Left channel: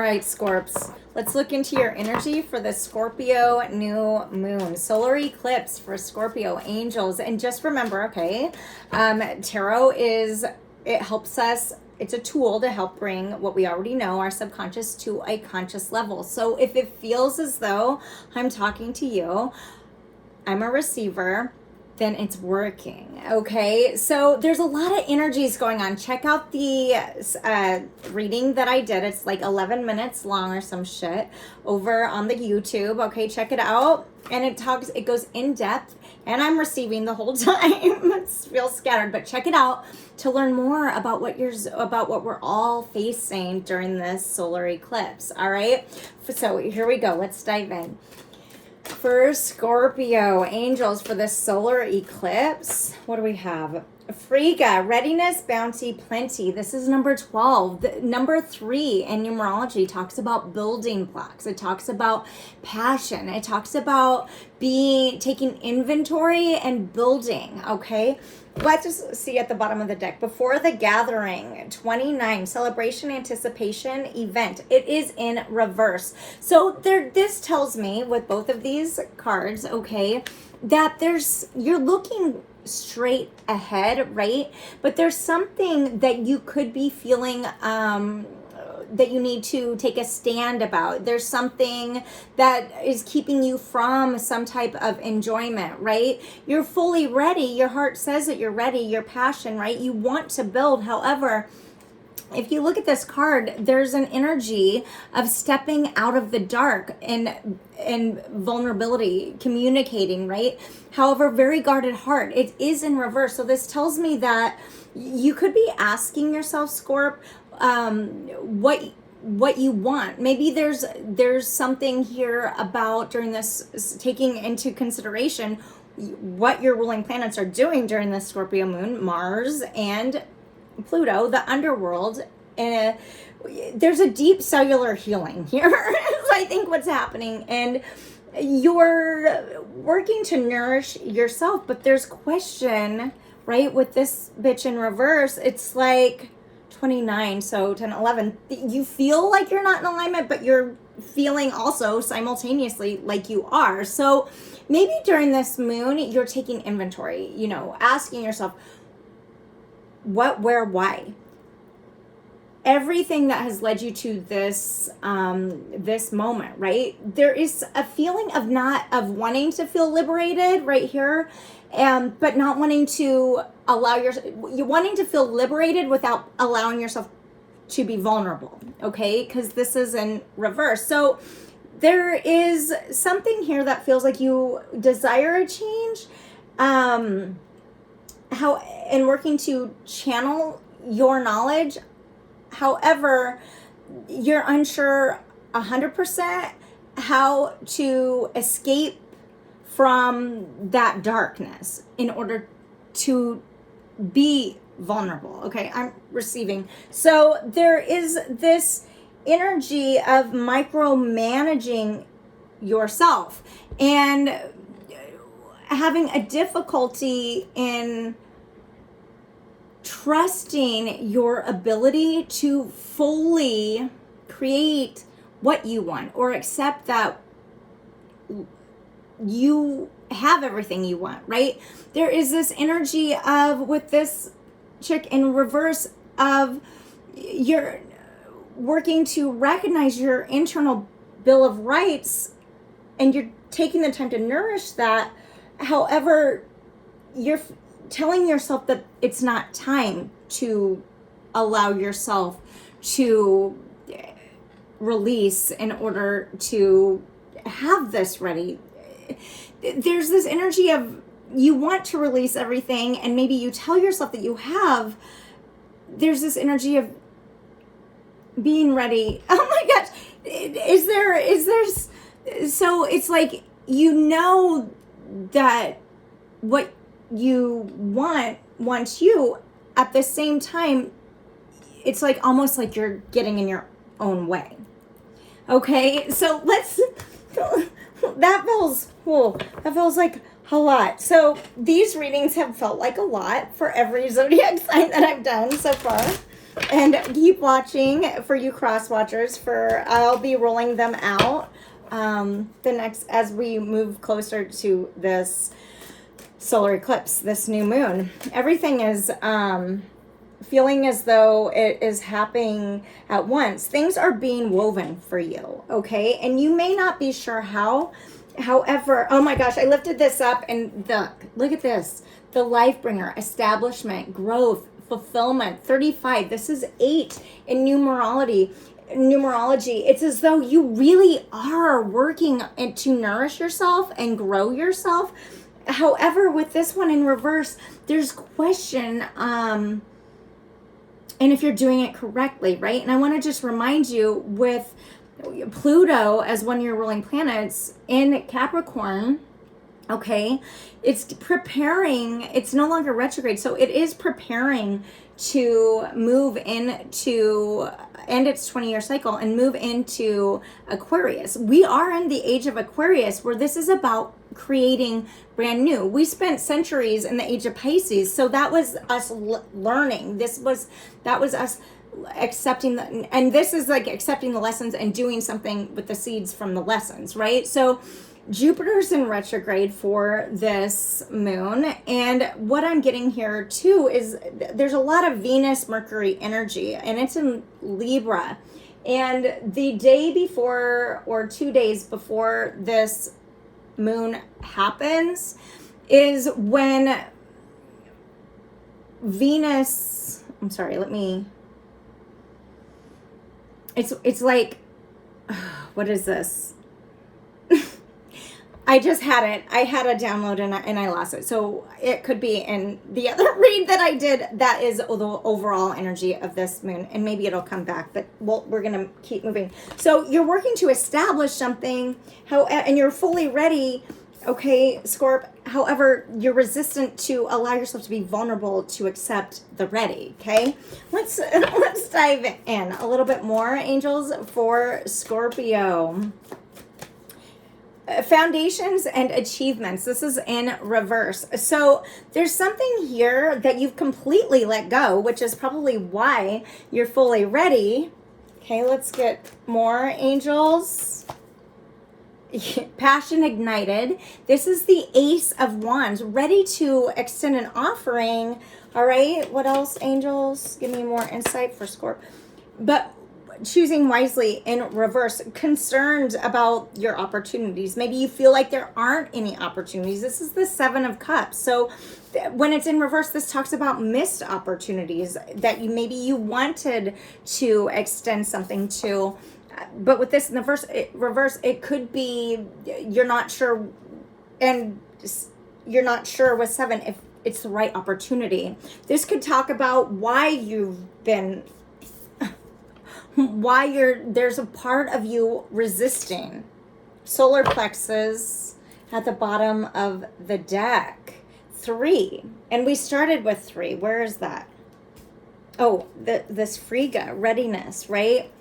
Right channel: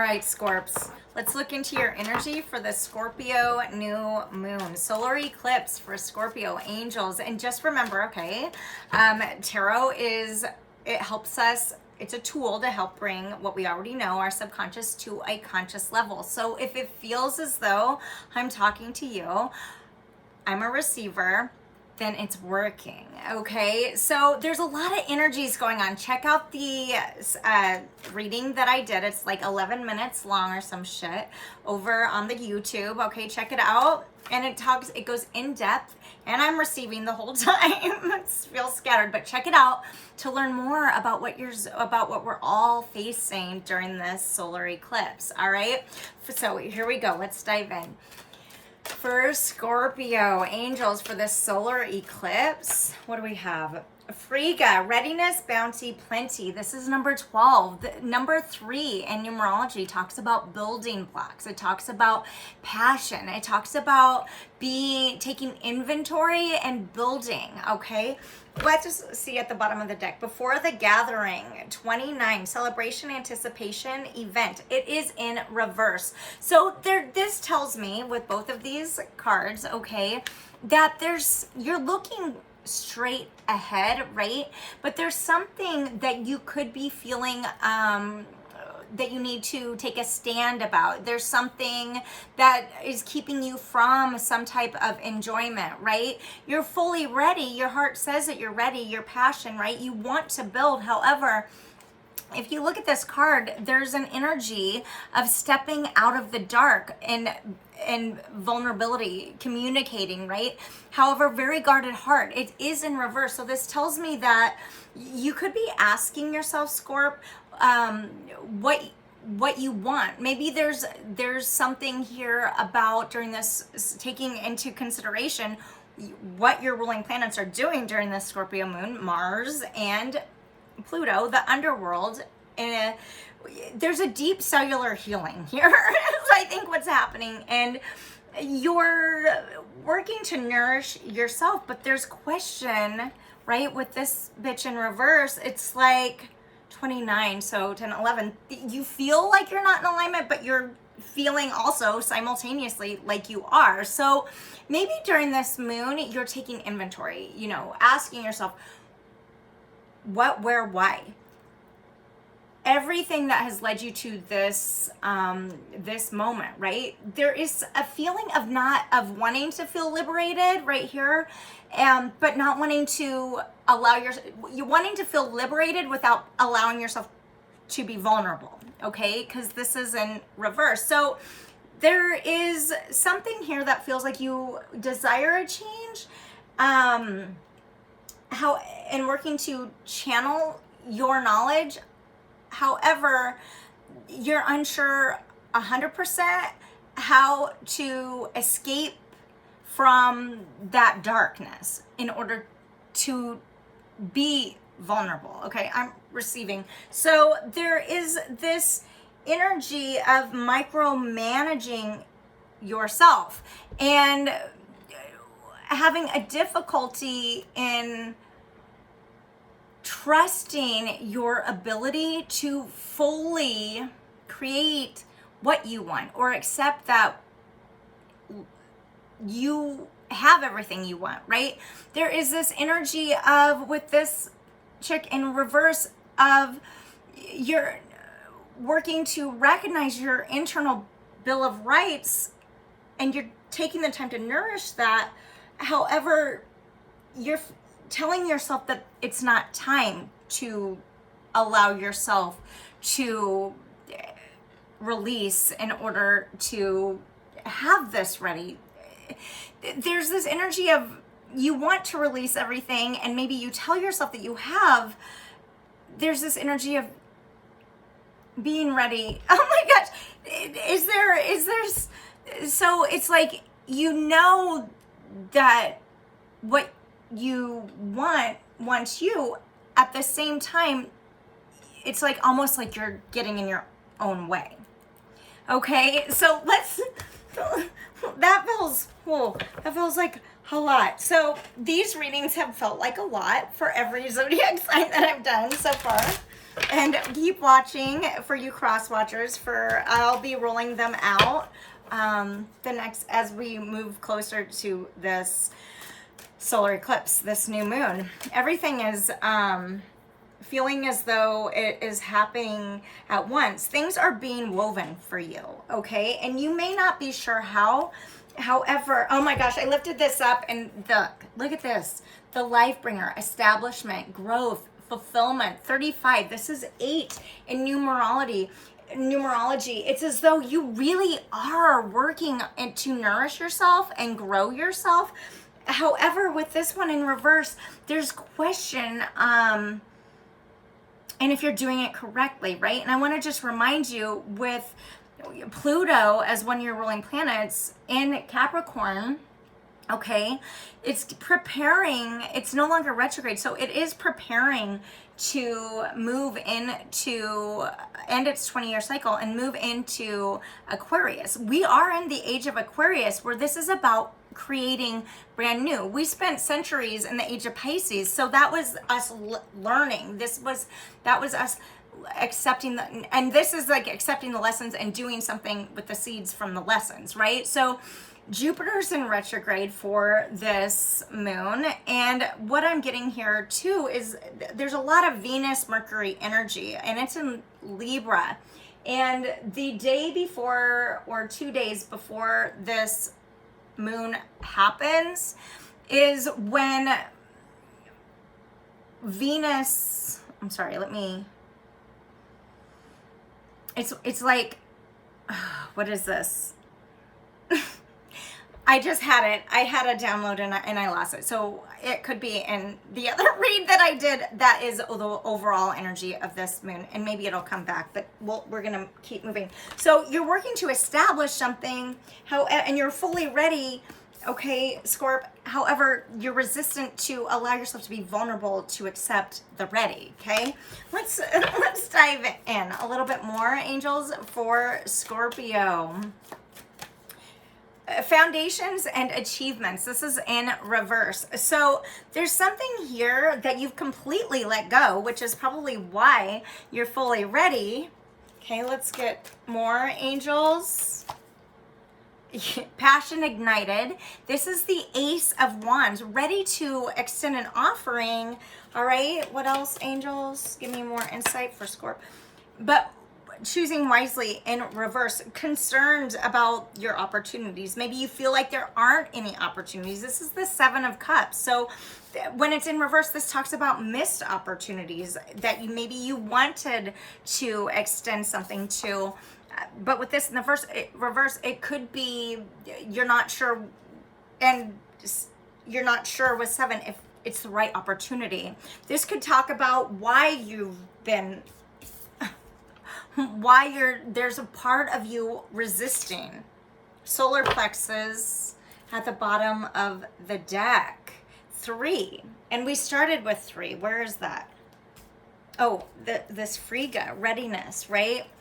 All right, Scorps, let's look into your energy for the Scorpio new moon. Solar eclipse for Scorpio angels. And just remember, okay, tarot it helps us, it's a tool to help bring what we already know, our subconscious, to a conscious level. So if it feels as though I'm talking to you, I'm a receiver, then it's working. Okay, so there's a lot of energies going on. Check out the reading that I did. It's like 11 minutes long or some shit over on the YouTube. Okay, check it out. And it goes in depth, and I'm receiving the whole time. It's real scattered, but check it out to learn more about what we're all facing during this solar eclipse. All right, so here we go. Let's dive in. For Scorpio angels for this solar eclipse, what do we have? Frigga, readiness, bounty, plenty. This is number 12. Number 3 in numerology talks about building blocks. It talks about passion. It talks about taking inventory and building, okay? Let's just see at the bottom of the deck. Before the gathering, 29, celebration, anticipation, event. It is in reverse. So this tells me with both of these cards, okay, that you're looking straight ahead, right? But there's something that you could be feeling that you need to take a stand about. There's something that is keeping you from some type of enjoyment, right? You're fully ready. Your heart says that you're ready. Your passion, right? You want to build. However, if you look at this card, there's an energy of stepping out of the dark and vulnerability, communicating, right? However, very guarded heart. It is in reverse. So this tells me that you could be asking yourself, Scorp, what you want. Maybe there's something here about during this, taking into consideration what your ruling planets are doing during this Scorpio moon, Mars and Pluto, the underworld. There's a deep cellular healing here. I think what's happening, and you're working to nourish yourself, but there's question, right? With this bitch in reverse, it's like 29, so 10, 11. You feel like you're not in alignment, but you're feeling also simultaneously like you are. So maybe during this moon, you're taking inventory, asking yourself, what, where, why? Everything that has led you to this this moment, right? There is a feeling of wanting to feel liberated right here, but not wanting to you're wanting to feel liberated without allowing yourself to be vulnerable, okay? Because this is in reverse. So there is something here that feels like you desire a change, and working to channel your knowledge. However, you're unsure 100% how to escape from that darkness in order to be vulnerable. Okay, I'm receiving. So there is this energy of micromanaging yourself and having a difficulty in trusting your ability to fully create what you want or accept that you have everything you want, right? There is this energy of, with this chick in reverse, of you're working to recognize your internal Bill of Rights, and you're taking the time to nourish that. However, you're telling yourself that it's not time to allow yourself to release in order to have this ready. There's this energy of you want to release everything, and maybe you tell yourself that you have. There's this energy of being ready. Oh my gosh, is there so it's like that what you wants you. At the same time, it's like almost like you're getting in your own way. Okay, so that feels like a lot. So these readings have felt like a lot for every zodiac sign that I've done so far. And keep watching for you cross watchers, for I'll be rolling them out the next, as we move closer to this solar eclipse, this new moon. Everything is feeling as though it is happening at once. Things are being woven for you, okay? And you may not be sure how. However, oh my gosh, I lifted this up and look at this. The life bringer, establishment, growth, fulfillment. 35. This is 8 in numerology. It's as though you really are working to nourish yourself and grow yourself. However, with this one in reverse, there's question, and if you're doing it correctly, right? And I want to just remind you, with Pluto as one of your ruling planets in Capricorn, okay, it's preparing, it's no longer retrograde, so it is preparing to move into, end its 20-year cycle and move into Aquarius. We are in the age of Aquarius, where this is about creating brand new. We spent centuries in the age of Pisces, so that was us learning. That was us accepting and this is like accepting the lessons and doing something with the seeds from the lessons, right? So Jupiter's in retrograde for this moon, and what I'm getting here too is there's a lot of Venus Mercury energy, and it's in Libra. And the day before, or 2 days before this moon happens, is when Venus, I'm sorry, it's like, what is this? I just had it. I had a download and I lost it. So it could be in the other read that I did. That is the overall energy of this moon. And maybe it'll come back, but we're going to keep moving. So you're working to establish something, and you're fully ready. Okay, Scorp. However, you're resistant to allow yourself to be vulnerable to accept the ready. Okay, let's dive in a little bit more, angels, for Scorpio. Foundations and achievements. This is in reverse. So there's something here that you've completely let go, which is probably why you're fully ready. Okay, let's get more, angels. Passion ignited. This is the Ace of Wands, ready to extend an offering. All right, what else, angels? Give me more insight for Scorp. But choosing wisely in reverse, concerned about your opportunities. Maybe you feel like there aren't any opportunities. This is the 7 of Cups. So when it's in reverse, this talks about missed opportunities that you wanted to extend something to. But with this in the reverse, it could be you're not sure, and you're not sure with 7 if it's the right opportunity. This could talk about why you've been, there's a part of you resisting. Solar plexus at the bottom of the deck. 3. And we started with 3. Where is that? Oh, this Frigga, readiness, right?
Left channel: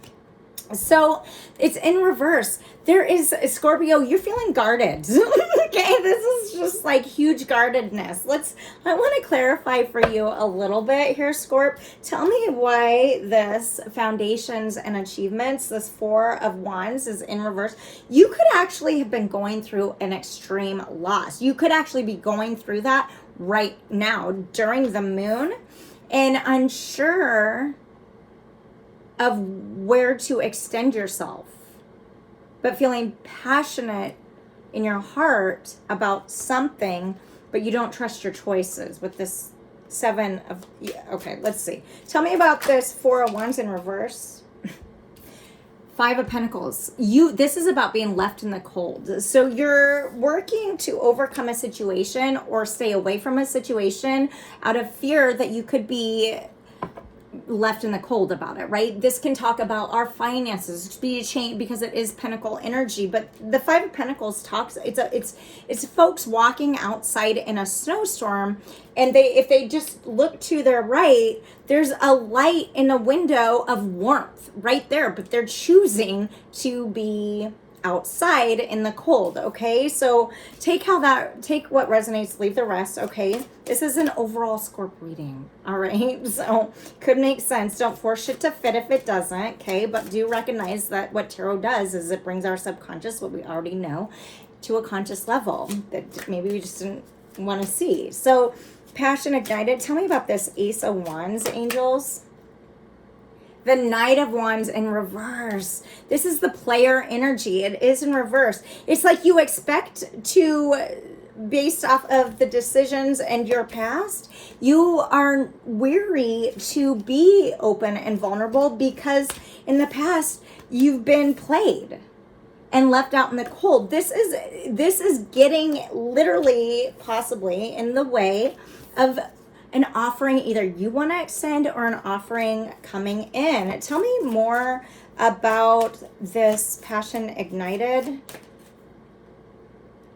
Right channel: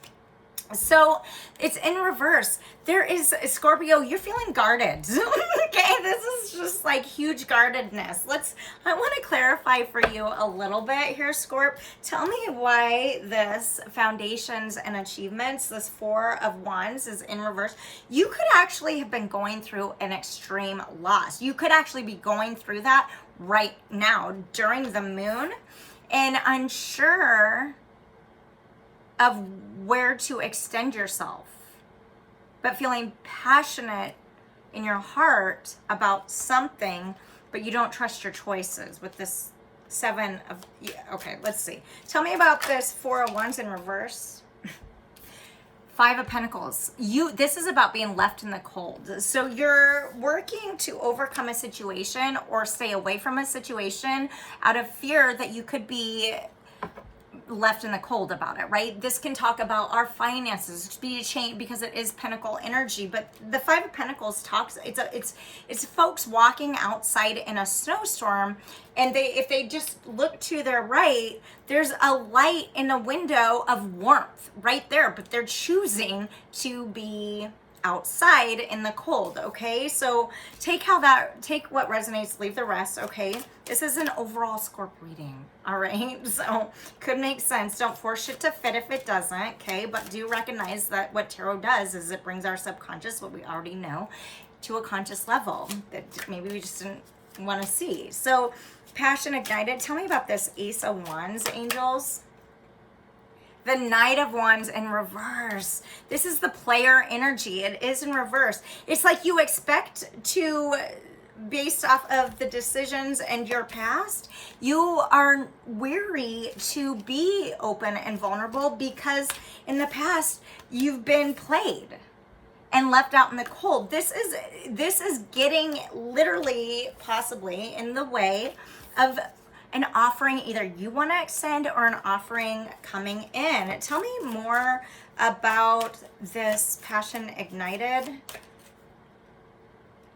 So it's in reverse. There is Scorpio, you're feeling guarded. Okay, this is just like huge guardedness. I want to clarify for you a little bit here, Scorp. Tell me why this foundations and achievements, this 4 of Wands, is in reverse. You could actually have been going through an extreme loss. You could actually be going through that right now during the moon, and unsure of where to extend yourself, but feeling passionate in your heart about something, but you don't trust your choices with this 7 of, yeah, okay, let's see. Tell me about this 4 of Wands in reverse. 5 of Pentacles. This is about being left in the cold. So you're working to overcome a situation or stay away from a situation out of fear that you could be left in the cold about it, right? This can talk about our finances, be a change, because it is Pentacle energy. But the 5 of Pentacles talks, it's folks walking outside in a snowstorm, and if they just look to their right, there's a light in a window of warmth right there, but they're choosing to be outside in the cold. Okay, so take what resonates, leave the rest. Okay, this is an overall Scorp reading. All right, so could make sense. Don't force it to fit if it doesn't. Okay, but do recognize that what tarot does is it brings our subconscious, what we already know, to a conscious level that maybe we just didn't want to see. So passion ignited. Tell me about this Ace of Wands, angels. The Knight of Wands in reverse. This is the player energy. It is in reverse. It's like you expect to, based off of the decisions and your past, you are weary to be open and vulnerable because in the past you've been played and left out in the cold. This is getting literally possibly in the way of an offering either you want to extend or an offering coming in. Tell me more about this passion ignited.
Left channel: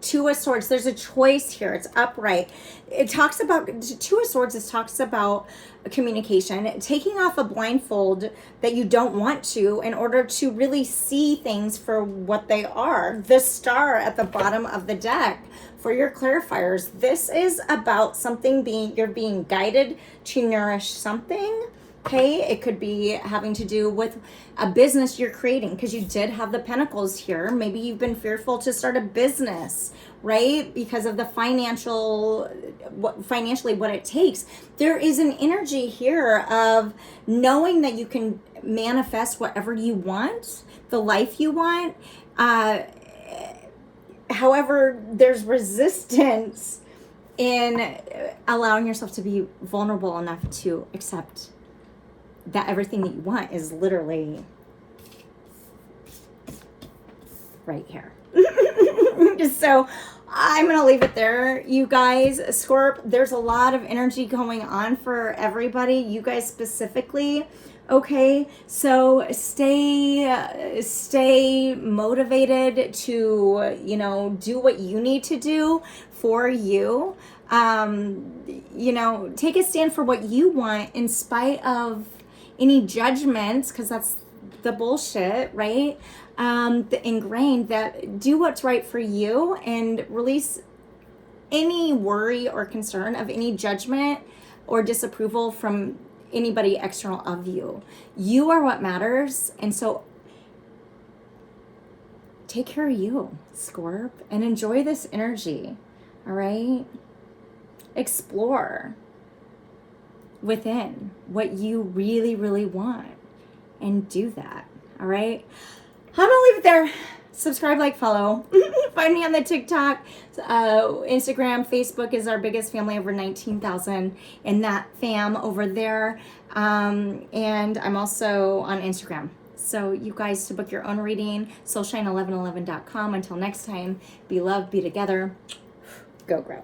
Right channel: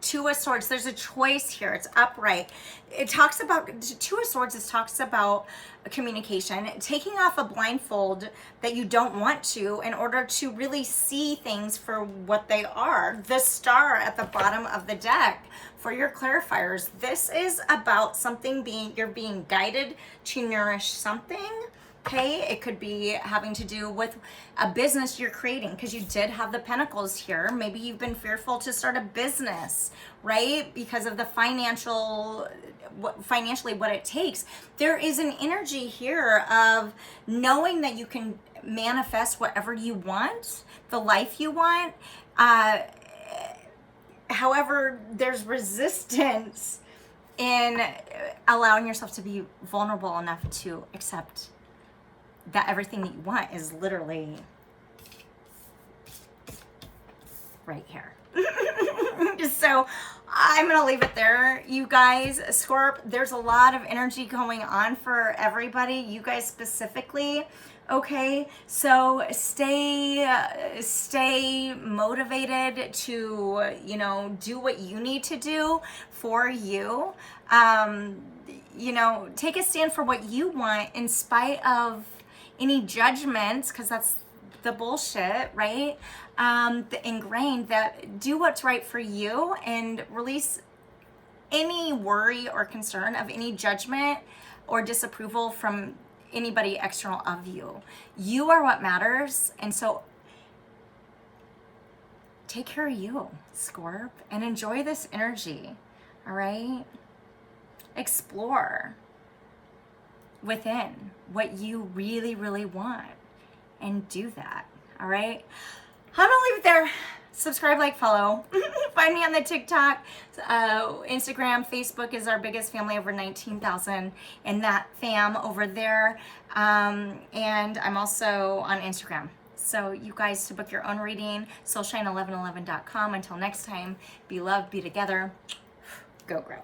Two of Swords. There's a choice here. It's upright. It talks about Two of Swords. It talks about communication, taking off a blindfold that you don't want to in order to really see things for what they are. The Star at the bottom of the deck for your clarifiers. This is about something you're being guided to nourish something. Okay, it could be having to do with a business you're creating because you did have the Pentacles here. Maybe you've been fearful to start a business, right? Because of the financially what it takes. There is an energy here of knowing that you can manifest whatever you want, the life you want. However, there's resistance in allowing yourself to be vulnerable enough to accept that everything that you want is literally right here. So I'm going to leave it there, you guys. Scorp, there's a lot of energy going on for everybody, you guys specifically. Okay, so stay motivated to, do what you need to do for you. Take a stand for what you want in spite of any judgments, because that's the bullshit, right? The ingrained, that do what's right for you and release any worry or concern of any judgment or disapproval from anybody external of you. You are what matters. And so take care of you, Scorp, and enjoy this energy. All right? Explore within what you really, really want and do that. All right? I'm gonna leave it there. Subscribe, like, follow. Find me on the TikTok, Instagram, Facebook is our biggest family, over 19,000 in that fam over there. And I'm also on Instagram. So you guys, to book your own reading, soulshine1111.com. Until next time, be loved, be together. Go grow.